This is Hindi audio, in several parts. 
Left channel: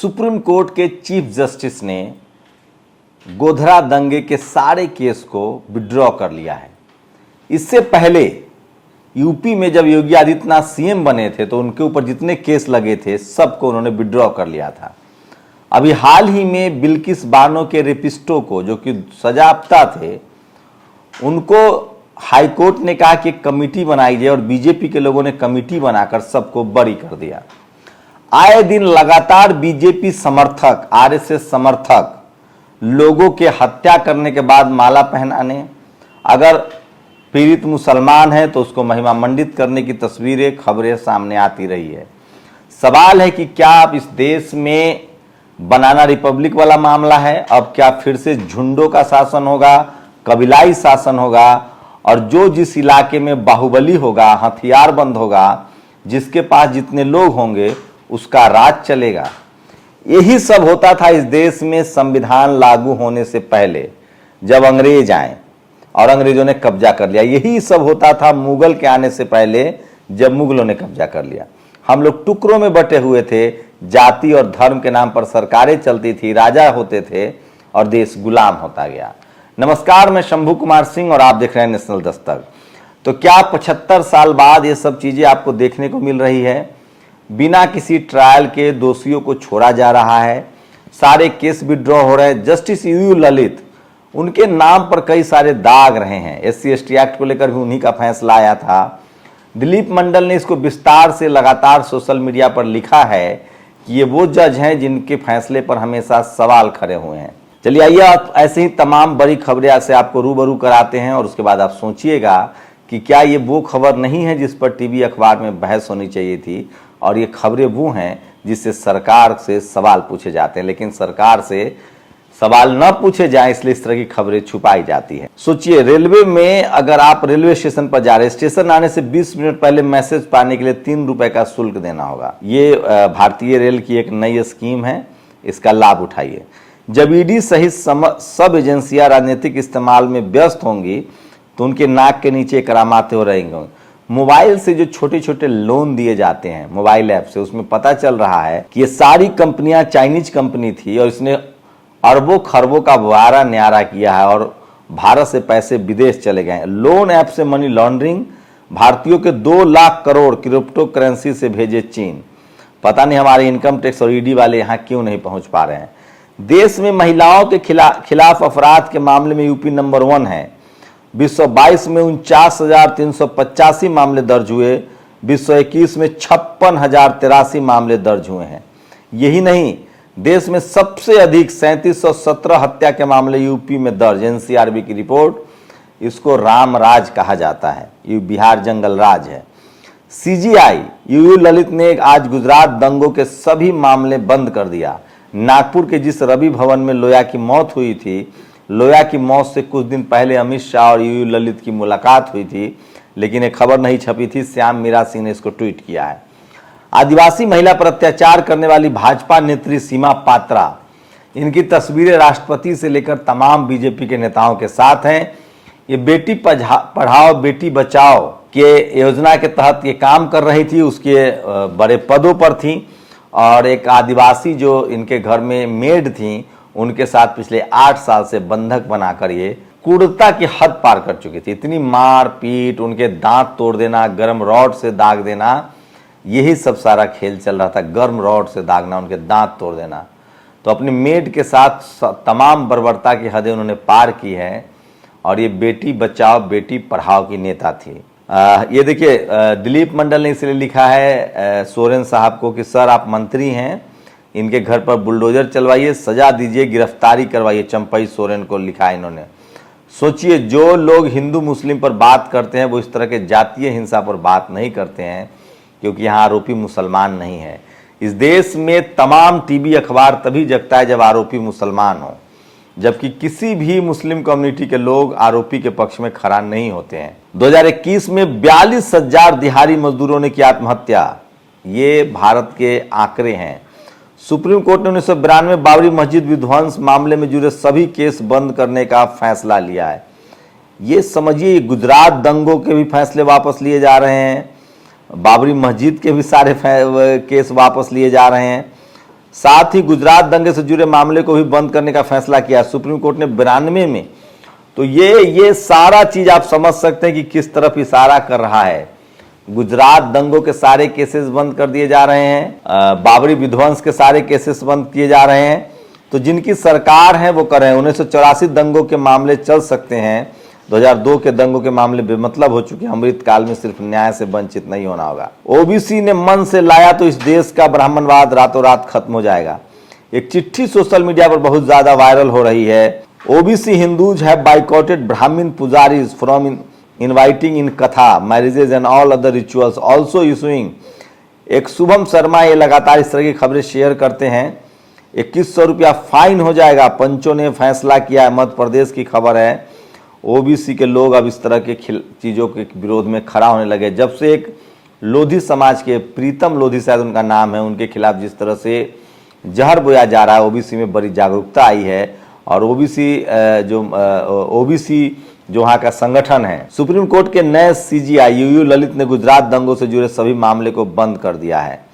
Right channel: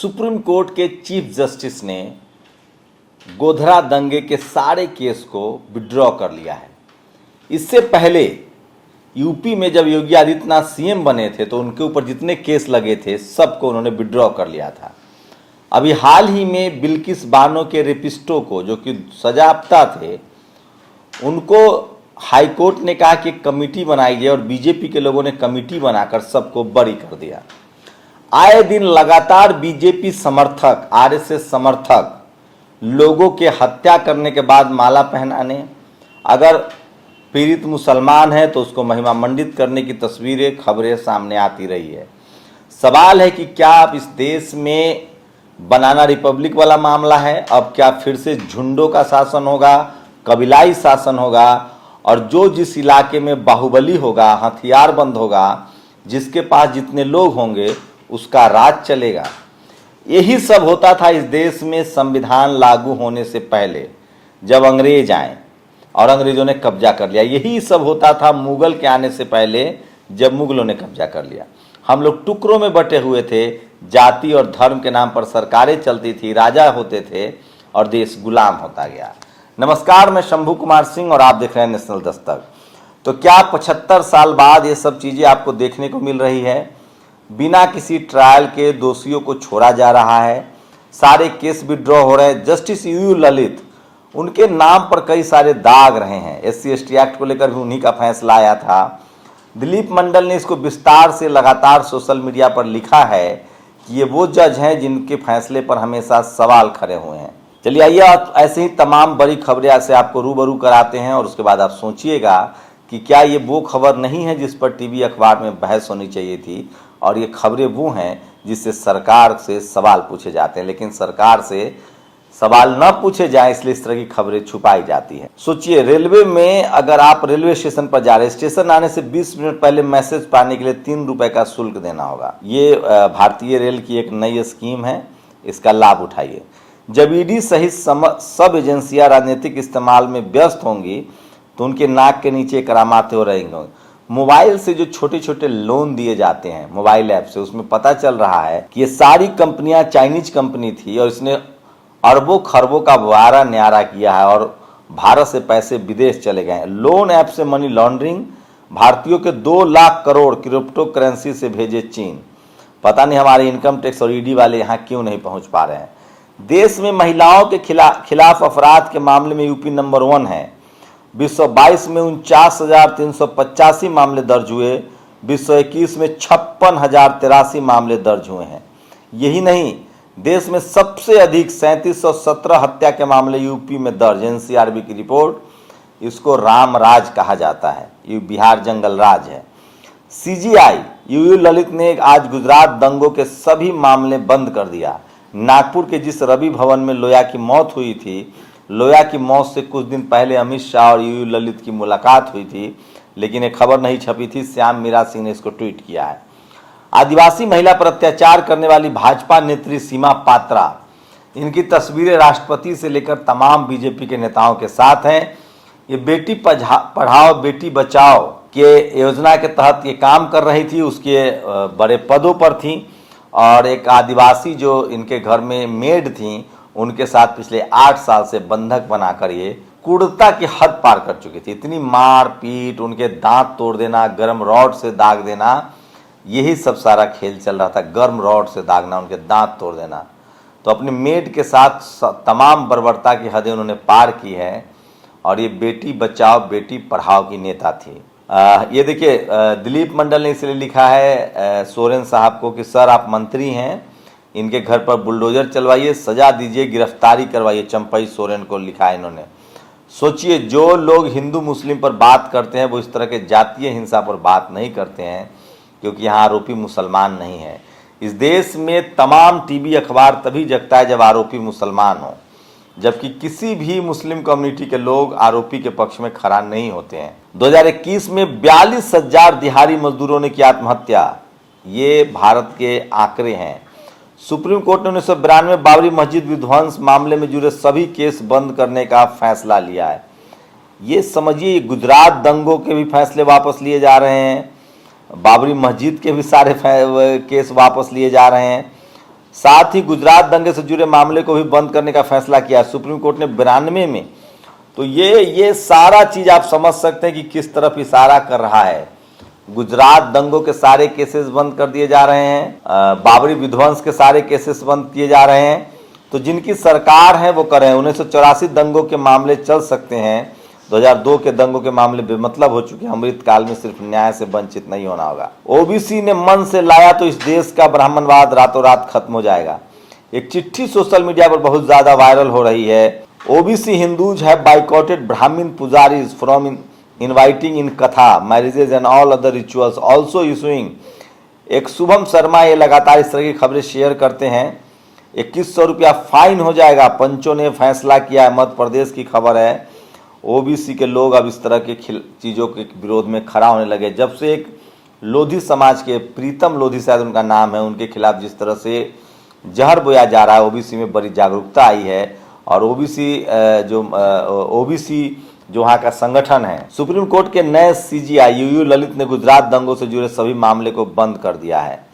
सुप्रीम कोर्ट के चीफ जस्टिस ने गोधरा दंगे के सारे केस को विड्रॉ कर लिया है। इससे पहले यूपी में जब योगी आदित्यनाथ सीएम बने थे तो उनके ऊपर जितने केस लगे थे सबको उन्होंने विड्रॉ कर लिया था। अभी हाल ही में बिल्किस बानो के रेपिस्टों को, जो कि सजायाफ्ता थे, उनको हाईकोर्ट ने कहा कि कमेटी बनाई जाए और बीजेपी के लोगों ने कमेटी बनाकर सबको बरी कर दिया। आए दिन लगातार बीजेपी समर्थक, आरएसएस समर्थक लोगों के हत्या करने के बाद माला पहनाने, अगर पीड़ित मुसलमान है तो उसको महिमा मंडित करने की तस्वीरें, खबरें सामने आती रही है। सवाल है कि क्या अब इस देश में बनाना रिपब्लिक वाला मामला है? अब क्या फिर से झुंडों का शासन होगा, कबीलाई शासन होगा, और जो जिस इलाके में बाहुबली होगा, हथियारबंद होगा, जिसके पास जितने लोग होंगे उसका राज चलेगा? यही सब होता था इस देश में संविधान लागू होने से पहले, जब अंग्रेज आए और अंग्रेजों ने कब्जा कर लिया। यही सब होता था मुगल के आने से पहले, जब मुगलों ने कब्जा कर लिया। हम लोग टुकड़ों में बटे हुए थे, जाति और धर्म के नाम पर सरकारें चलती थी, राजा होते थे और देश गुलाम होता गया। नमस्कार, मैं शंभू कुमार सिंह और आप देख रहे हैं नेशनल दस्तक। तो क्या 75 साल बाद ये सब चीजें आपको देखने को मिल रही है? बिना किसी ट्रायल के दोषियों को छोड़ा जा रहा है, सारे केस विड्रॉ हो रहे हैं। जस्टिस यूयू ललित, उनके नाम पर कई सारे दाग रहे हैं। SC/ST एक्ट को लेकर भी उन्हीं का फैसला आया था। दिलीप मंडल ने इसको विस्तार से लगातार सोशल मीडिया पर लिखा है कि ये वो जज हैं जिनके फैसले पर हमेशा सवाल खड़े हुए हैं। चलिए आइए ऐसे ही तमाम बड़ी खबरें से आपको रूबरू कराते हैं और उसके बाद आप सोचिएगा कि क्या ये वो खबर नहीं है जिस पर टीवी अखबार में बहस होनी चाहिए थी, और ये खबरें वो हैं जिससे सरकार से सवाल पूछे जाते हैं, लेकिन सरकार से सवाल न पूछे जाए इसलिए इस तरह की खबरें छुपाई जाती है। सोचिए, रेलवे में अगर आप रेलवे स्टेशन पर जा रहे हैं, स्टेशन आने से 20 मिनट पहले मैसेज पाने के लिए 3 रुपए का शुल्क देना होगा। ये भारतीय रेल की एक नई स्कीम है, इसका लाभ उठाइए। जब ईडी सहित सब एजेंसियां राजनीतिक इस्तेमाल में व्यस्त होंगी तो उनके नाक के नीचे करामाते हो रहेंगे। मोबाइल से जो छोटे छोटे लोन दिए जाते हैं मोबाइल ऐप से, उसमें पता चल रहा है कि ये सारी कंपनियां चाइनीज कंपनी थी और इसने अरबों खरबों का बुआरा न्यारा किया है और भारत से पैसे विदेश चले गए। लोन ऐप से मनी लॉन्ड्रिंग, भारतीयों के 2 लाख करोड़ क्रिप्टो करेंसी से भेजे चीन। पता नहीं हमारे इनकम टैक्स और ईडी वाले यहाँ क्यों नहीं पहुंच पा रहे हैं। देश में महिलाओं के खिलाफ अपराध के मामले में यूपी नंबर 1 है। 2022 में 49,385 मामले दर्ज हुए, 2021 में 56,083 मामले दर्ज हुए हैं। यही नहीं, देश में सबसे अधिक 3717 हत्या के मामले यूपी में दर्ज। NCRB की रिपोर्ट, इसको राम राज कहा जाता है, ये बिहार जंगल राज है। CGI यूयू ललित ने आज गुजरात दंगों के सभी मामले बंद कर दिया। नागपुर के जिस रवि भवन में लोया की मौत हुई थी, लोया की मौत से कुछ दिन पहले अमित शाह और यूयू ललित की मुलाकात हुई थी, लेकिन एक खबर नहीं छपी थी। श्याम मीरा सिंह ने इसको ट्वीट किया है। आदिवासी महिला पर अत्याचार करने वाली भाजपा नेत्री सीमा पात्रा, इनकी तस्वीरें राष्ट्रपति से लेकर तमाम बीजेपी के नेताओं के साथ हैं। ये बेटी पढ़ाओ बेटी बचाओ के योजना के तहत ये काम कर रही थी, उसके बड़े पदों पर थी, और एक आदिवासी जो इनके घर में मेड थी उनके साथ पिछले 8 साल से बंधक बनाकर ये क्रूरता की हद पार कर चुकी थी। इतनी मार पीट, उनके दांत तोड़ देना, गर्म रॉड से दाग देना, यही सब सारा खेल चल रहा था। गर्म रॉड से दागना, उनके दांत तोड़ देना। तो अपनी मेड के साथ तमाम बर्बरता की हदें उन्होंने पार की है, और ये बेटी बचाओ बेटी पढ़ाओ की नेता थी। ये देखिए, दिलीप मंडल ने इसलिए लिखा है सोरेन साहब को कि सर आप मंत्री हैं, इनके घर पर बुलडोजर चलवाइए, सजा दीजिए, गिरफ्तारी करवाइए। चंपई सोरेन को लिखा है इन्होंने। सोचिए, जो लोग हिंदू मुस्लिम पर बात करते हैं वो इस तरह के जातीय हिंसा पर बात नहीं करते हैं, क्योंकि यहाँ आरोपी मुसलमान नहीं है। इस देश में तमाम टीवी अखबार तभी जगता है जब आरोपी मुसलमान हो, जबकि किसी भी मुस्लिम कम्युनिटी के लोग आरोपी के पक्ष में खड़ा नहीं होते हैं। 2021 में 42,000 दिहाड़ी मजदूरों ने की आत्महत्या, ये भारत के आंकड़े हैं। सुप्रीम कोर्ट ने 1992 बाबरी मस्जिद विध्वंस मामले में जुड़े सभी केस बंद करने का फैसला लिया है। ये समझिए, गुजरात दंगों के भी फैसले वापस लिए जा रहे हैं, बाबरी मस्जिद के भी सारे केस वापस लिए जा रहे हैं। साथ ही गुजरात दंगे से जुड़े मामले को भी बंद करने का फैसला किया सुप्रीम कोर्ट ने 92 में। तो ये सारा चीज आप समझ सकते हैं कि किस तरफ इशारा कर रहा है। गुजरात दंगों के सारे केसेस बंद कर दिए जा रहे हैं, बाबरी विध्वंस के सारे केसेस बंद किए जा रहे हैं। तो जिनकी सरकार है वो कर रहे हैं। 1984 दंगों के मामले चल सकते हैं, 2002 के दंगों के मामले बेमतलब हो चुके हैं। अमृत काल में सिर्फ न्याय से वंचित नहीं होना होगा। ओबीसी ने मन से लाया तो इस देश का ब्राह्मणवाद रातों रात खत्म हो जाएगा। एक चिट्ठी सोशल मीडिया पर बहुत ज्यादा वायरल हो रही है। ओबीसी हिंदूज हैव बाइकॉटेड ब्राह्मण पुजारीज फ्रॉम इनवाइटिंग इन कथा marriages and all other rituals also issuing. एक शुभम शर्मा ये लगातार इस तरह की खबरें शेयर करते हैं। 2100 रुपया फाइन हो जाएगा, पंचों ने फैसला किया है। मध्य प्रदेश की खबर है। ओबीसी के लोग अब इस तरह के चीजों के विरोध में खड़ा होने लगे। जब से एक लोधी समाज के, प्रीतम लोधी शायद उनका नाम है, उनके खिलाफ जिस तरह से जहर बोया जा रहा है, ओबीसी में बड़ी जागरूकता आई है। और ओबीसी जो वहाँ का संगठन है, सुप्रीम कोर्ट के नए सीजीआई यूयू ललित ने गुजरात दंगों से जुड़े सभी मामले को बंद कर दिया है।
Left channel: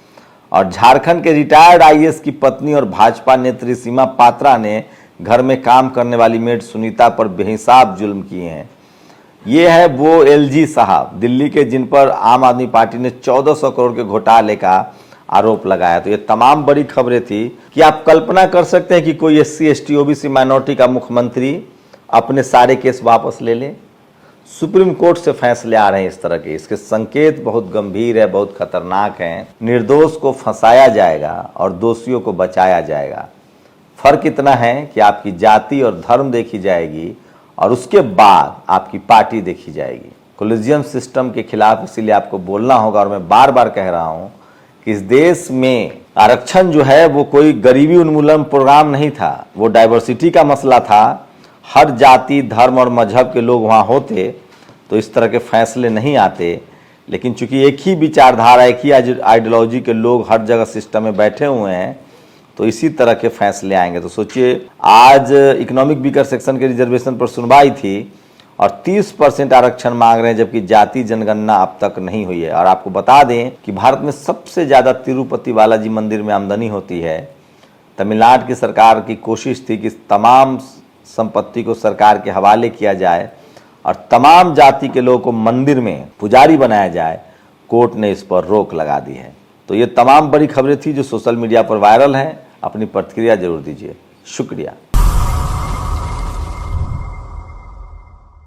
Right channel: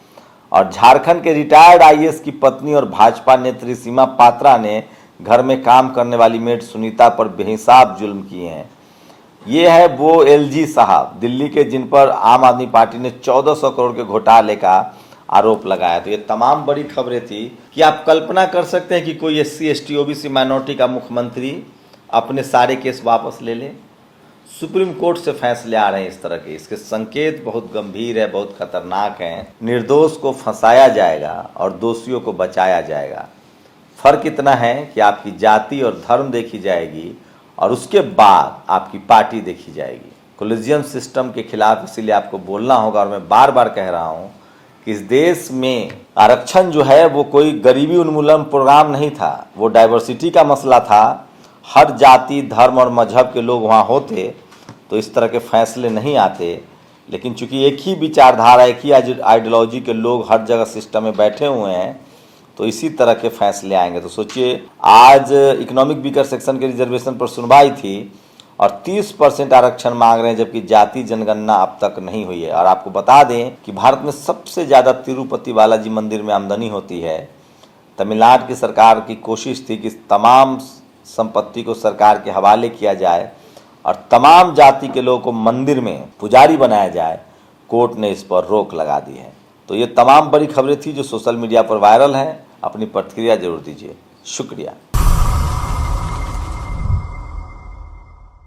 और झारखंड के रिटायर्ड आईएएस की पत्नी और भाजपा नेत्री सीमा पात्रा ने घर में काम करने वाली मेड सुनीता पर बेहिसाब जुल्म किए हैं। ये है वो एलजी साहब दिल्ली के, जिन पर आम आदमी पार्टी ने 1400 करोड़ के घोटाले का आरोप लगाया। तो ये तमाम बड़ी खबरें थी कि आप कल्पना कर सकते हैं कि कोई एससी एसटी ओबीसी माइनॉरिटी का मुख्यमंत्री अपने सारे केस वापस ले ले। सुप्रीम कोर्ट से फैसले आ रहे हैं इस तरह के। इसके संकेत बहुत गंभीर है, बहुत खतरनाक हैं। निर्दोष को फंसाया जाएगा और दोषियों को बचाया जाएगा। फर्क इतना है कि आपकी जाति और धर्म देखी जाएगी और उसके बाद आपकी पार्टी देखी जाएगी। कोलिजियम सिस्टम के खिलाफ इसीलिए आपको बोलना होगा। और मैं बार बार कह रहा हूं कि इस देश में आरक्षण जो है वो कोई गरीबी उन्मूलन प्रोग्राम नहीं था, वो डाइवर्सिटी का मसला था। हर जाति धर्म और मजहब के लोग वहाँ होते तो इस तरह के फैसले नहीं आते। लेकिन चूंकि एक ही विचारधारा, एक ही आइडियोलॉजी के लोग हर जगह सिस्टम में बैठे हुए हैं, तो इसी तरह के फैसले आएंगे। तो सोचिए, आज इकोनॉमिक वीकर सेक्शन के रिजर्वेशन पर सुनवाई थी और 30% आरक्षण मांग रहे हैं, जबकि जाति जनगणना अब तक नहीं हुई है। और आपको बता दें कि भारत में सबसे ज्यादा तिरुपति बालाजी मंदिर में आमदनी होती है। तमिलनाडु की सरकार की कोशिश थी कि तमाम संपत्ति को सरकार के हवाले किया जाए और तमाम जाति के लोगों को मंदिर में पुजारी बनाया जाए। कोर्ट ने इस पर रोक लगा दी है। तो ये तमाम बड़ी खबरें थी जो सोशल मीडिया पर वायरल हैं। अपनी प्रतिक्रिया जरूर दीजिए। शुक्रिया।